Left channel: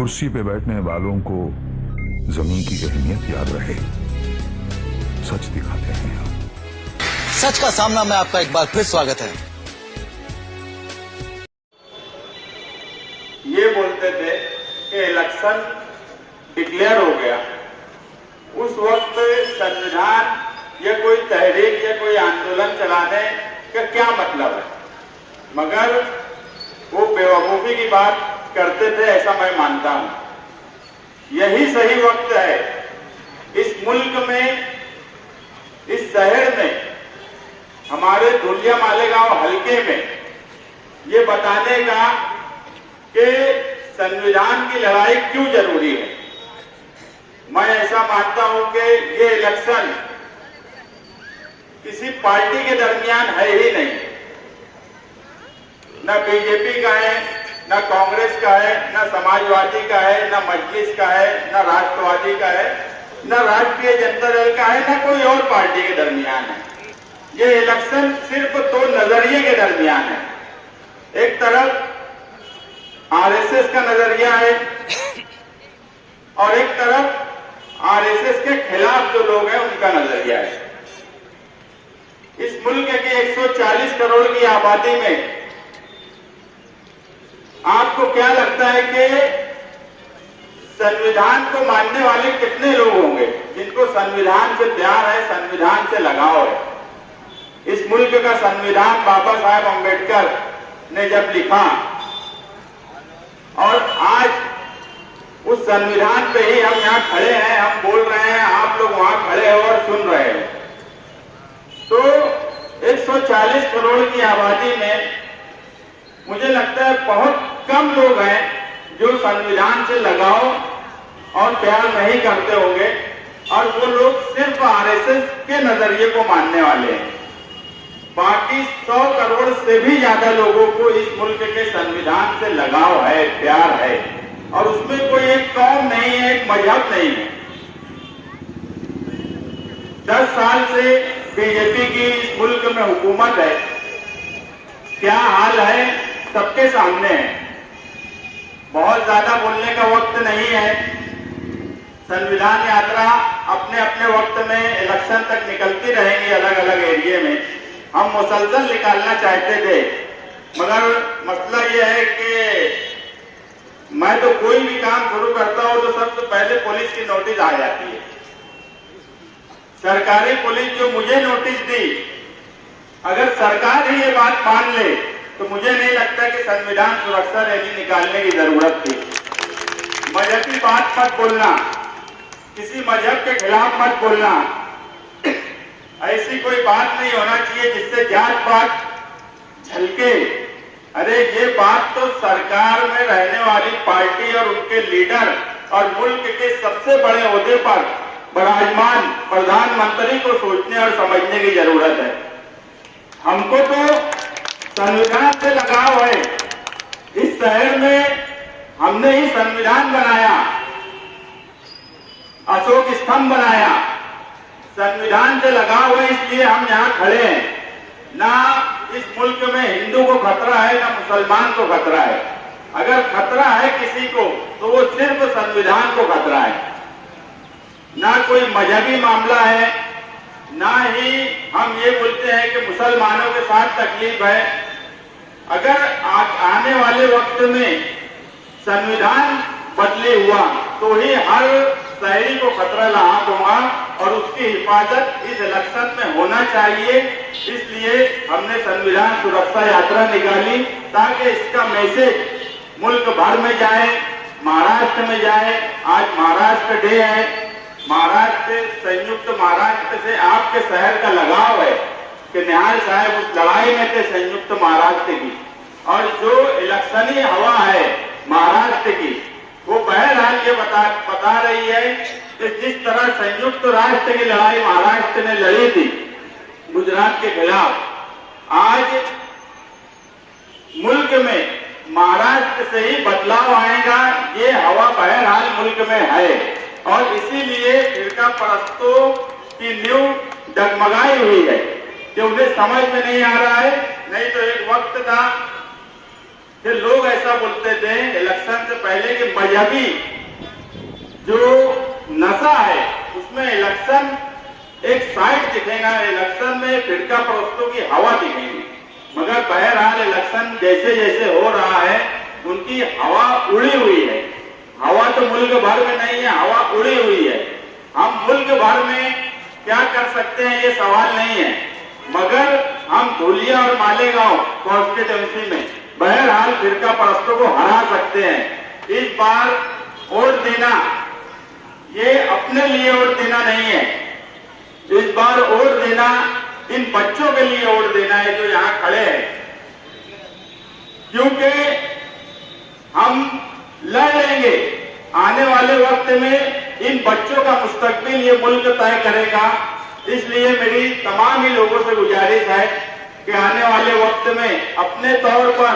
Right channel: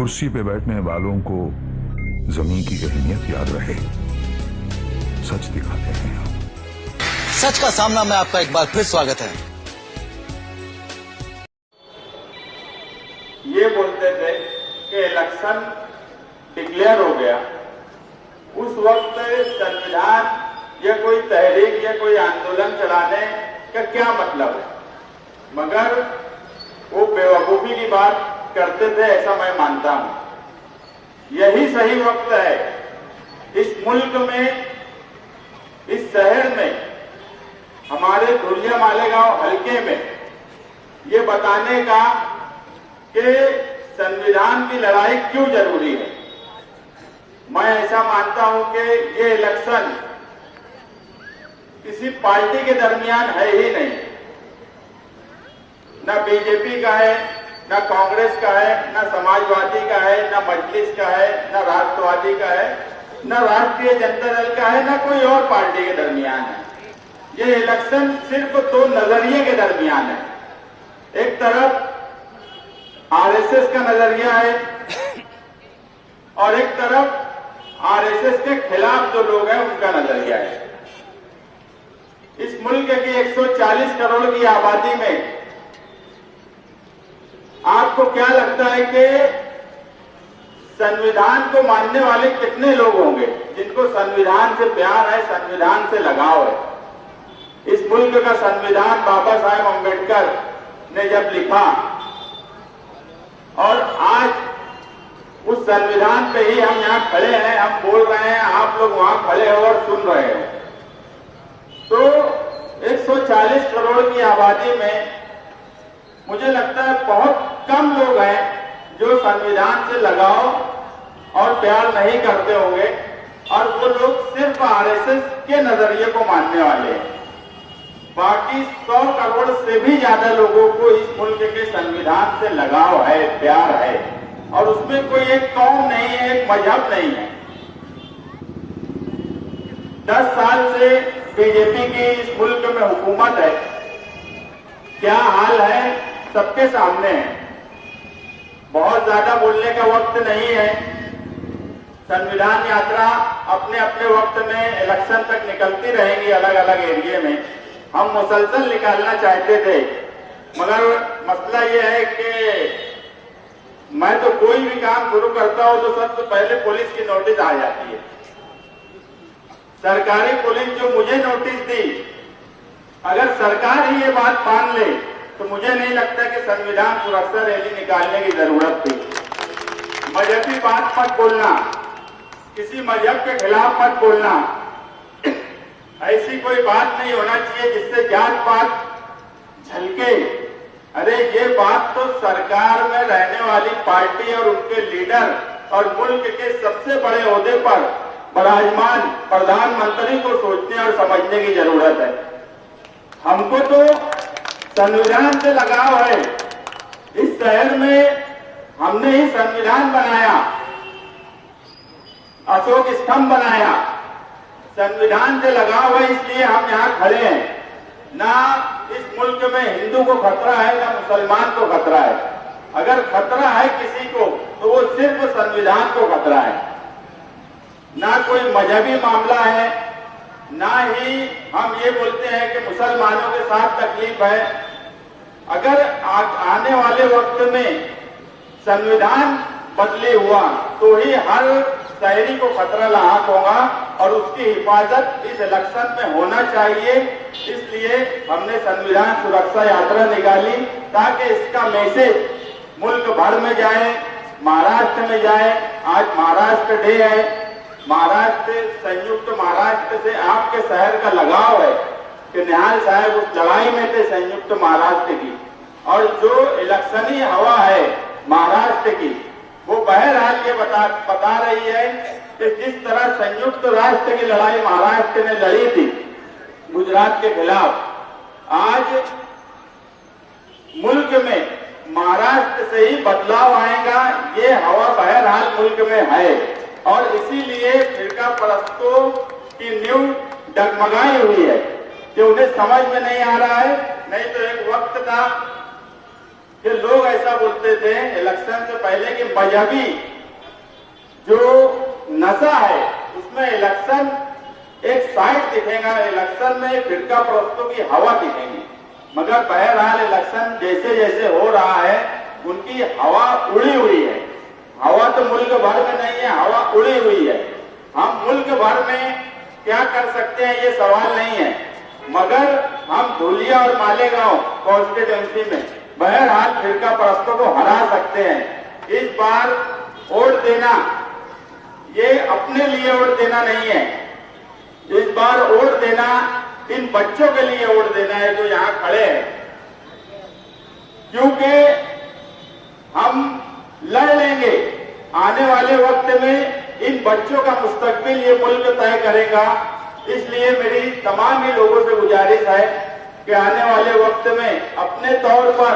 कुर्सी पे बैठने वालों को जमीन की अहमियत याद रहे, सच दिखाते हैं हम। सच का सामना में आपका एक बार फिर स्वागत है। ये बोलते थे कि इलेक्शन डिक्लेयर हो गया, उस वक्त संविधान या कोई तहरीक या कोई आंदोलन चलाने का क्या मतलब है, मगर वो बेवकूफी की बात करते थे, ऐसा मैं मानता हूं। यही सही वक्त है इस मुल्क में, इस शहर में, हमारे धुलिया मालेगांव हल्के में ये बताने का कि संविधान की लड़ाई क्यों जरूरी है। मैं ऐसा मानता हूं कि ये इलेक्शन किसी पार्टी के दरमियान है ही नहीं, न बीजेपी का है, न कांग्रेस का है, न समाजवादी का है, न मजलिस का है, न राष्ट्रवादी का है, न राष्ट्रीय जनता दल का है, न कोई और पार्टी के दरमियान है। ये इलेक्शन सिर्फ दो नजरिए के दरमियान है। एक तरफ आरएसएस का नजरिया है और एक तरफ आरएसएस के खिलाफ जो लोग हैं उनका नजरिया है। इस मुल्क की 140 करोड़ की आबादी में आपको क्या लगता है कि संविधान को मानने वाले कितने लोग होंगे जिनको संविधान से प्यार है, संविधान से लगाव है। इस मुल्क का संविधान बाबा साहेब अम्बेडकर ने जब लिखा और आज उस संविधान पे ही हम यहाँ खड़े हैं, हम बोल रहे हैं, आप लोग वहां खड़े हो और सुन रहे हैं, तो 140 करोड़ की आबादी में मुझे लगता है बहुत कम लोग हैं जो संविधान से लगाव और प्यार नहीं करते होंगे, और वो लोग सिर्फ आरएसएस के नजरिए को मानने वाले हैं। बाकी 100 करोड़ से भी ज्यादा लोगों को इस मुल्क के संविधान से लगाव है, प्यार है, और उसमें कोई एक कौम नहीं है, एक मजहब नहीं है। 10 साल से बीजेपी की इस मुल्क में हुकूमत है, क्या हाल है सबके सामने है। बहुत ज्यादा बोलने का वक्त नहीं है। संविधान यात्रा अपने अपने वक्त में इलेक्शन तक निकलती रहेगी अलग अलग एरिया में। हम मुसलसल निकालना चाहते थे, मगर मसला यह है कि मैं तो कोई भी काम शुरू करता हूं तो सबसे पहले पुलिस की नोटिस आ जाती है। सरकारी पुलिस जो मुझे नोटिस दी, अगर सरकार ही ये बात मान ले तो मुझे नहीं लगता कि संविधान सुरक्षा रैली निकालने की जरूरत थी। मजहबी बात मत बोलना, किसी मजहब के खिलाफ मत बोलना, ऐसी कोई बात नहीं होना चाहिए जिससे जात पात झलके। अरे ये बात तो सरकार में रहने वाली पार्टी और उनके लीडर और मुल्क के सबसे बड़े ओहदे पर विराजमान प्रधानमंत्री को सोचने और समझने की जरूरत है। हमको तो संविधान से लगाव है। इस शहर में हमने ही संविधान बनाया, अशोक स्तंभ बनाया, संविधान से लगाव है, इसलिए हम यहाँ खड़े हैं। ना इस मुल्क में हिंदू को खतरा है, ना मुसलमान को खतरा है। अगर खतरा है किसी को तो वो सिर्फ संविधान को खतरा है, ना कोई मजहबी मामला है, ना ही हम ये बोलते हैं कि मुसलमानों के साथ तकलीफ है। अगर आने वाले वक्त में संविधान बदली हुआ तो ही हर शहरी को खतरा लाहक होगा और उसकी हिफाजत इस इलेक्शन में होना चाहिए। इसलिए हमने संविधान सुरक्षा यात्रा निकाली ताकि इसका मैसेज मुल्क भर में जाए, महाराष्ट्र में जाए। आज महाराष्ट्र डे है। महाराष्ट्र से, संयुक्त महाराष्ट्र से आपके शहर का लगाव है कि निहाल साहब उस लड़ाई में थे संयुक्त महाराष्ट्र की, और जो इलेक्शनी हवा है महाराष्ट्र की वो बहरहाल ये बता रही है कि जिस तरह संयुक्त राष्ट्र की लड़ाई महाराष्ट्र ने लड़ी थी गुजरात के खिलाफ, आज मुल्क में महाराष्ट्र से ही बदलाव आएगा। ये हवा बहरहाल मुल्क में है और इसीलिए फिरका परस्तों की नींव डगमगाई हुई है कि उन्हें समझ में नहीं आ रहा है। नहीं तो एक वक्त था फिर लोग ऐसा बोलते थे इलेक्शन से पहले कि मजहबी जो नशा है उसमें इलेक्शन एक साइड दिखेगा, इलेक्शन में फिरका परस्तों की हवा दिखेगी। मगर बहरहाल इलेक्शन जैसे जैसे हो रहा है उनकी हवा उड़ी हुई है। हवा तो मुल्क भर में नहीं है, हवा उड़ी हुई है। हम मुल्क भर में क्या कर सकते हैं ये सवाल नहीं है, मगर हम धुलिया और मालेगांव कॉन्स्टिट्यूंसी में बहरहाल फिरका परस्तों को हरा सकते हैं। इस बार वोट देना ये अपने लिए वोट देना नहीं है, इस बार वोट देना इन बच्चों के लिए वोट देना है जो यहां खड़े हैं, क्योंकि हम लड़ लेंगे। आने वाले वक्त में इन बच्चों का मुस्तकबिल ये मुल्क तय करेगा। इसलिए मेरी तमाम ही लोगों से गुजारिश है कि आने वाले वक्त में अपने तौर पर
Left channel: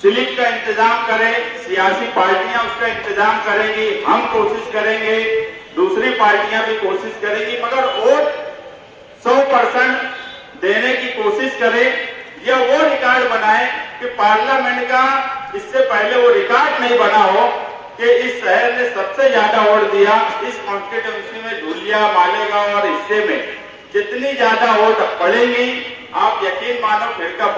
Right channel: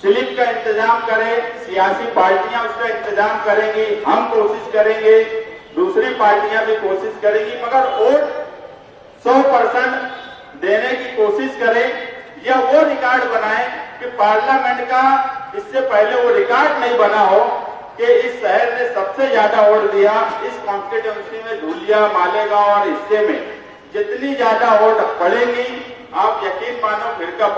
स्लिप का इंतजाम करें, सियासी पार्टियां उसका इंतजाम करेंगी, हम कोशिश करेंगे, दूसरी पार्टियां भी कोशिश करेंगी, मगर वोट 100% देने की कोशिश करें या वो रिकॉर्ड बनाएं कि पार्लियामेंट का इससे पहले वो रिकॉर्ड नहीं बना हो कि इस शहर ने सबसे ज्यादा वोट दिया। इस कॉन्स्टिट्यूंसी में धुलिया, मालेगांव और हिस्से में जितनी ज्यादा वोट पड़ेंगी, आप यकीन मानो फिरका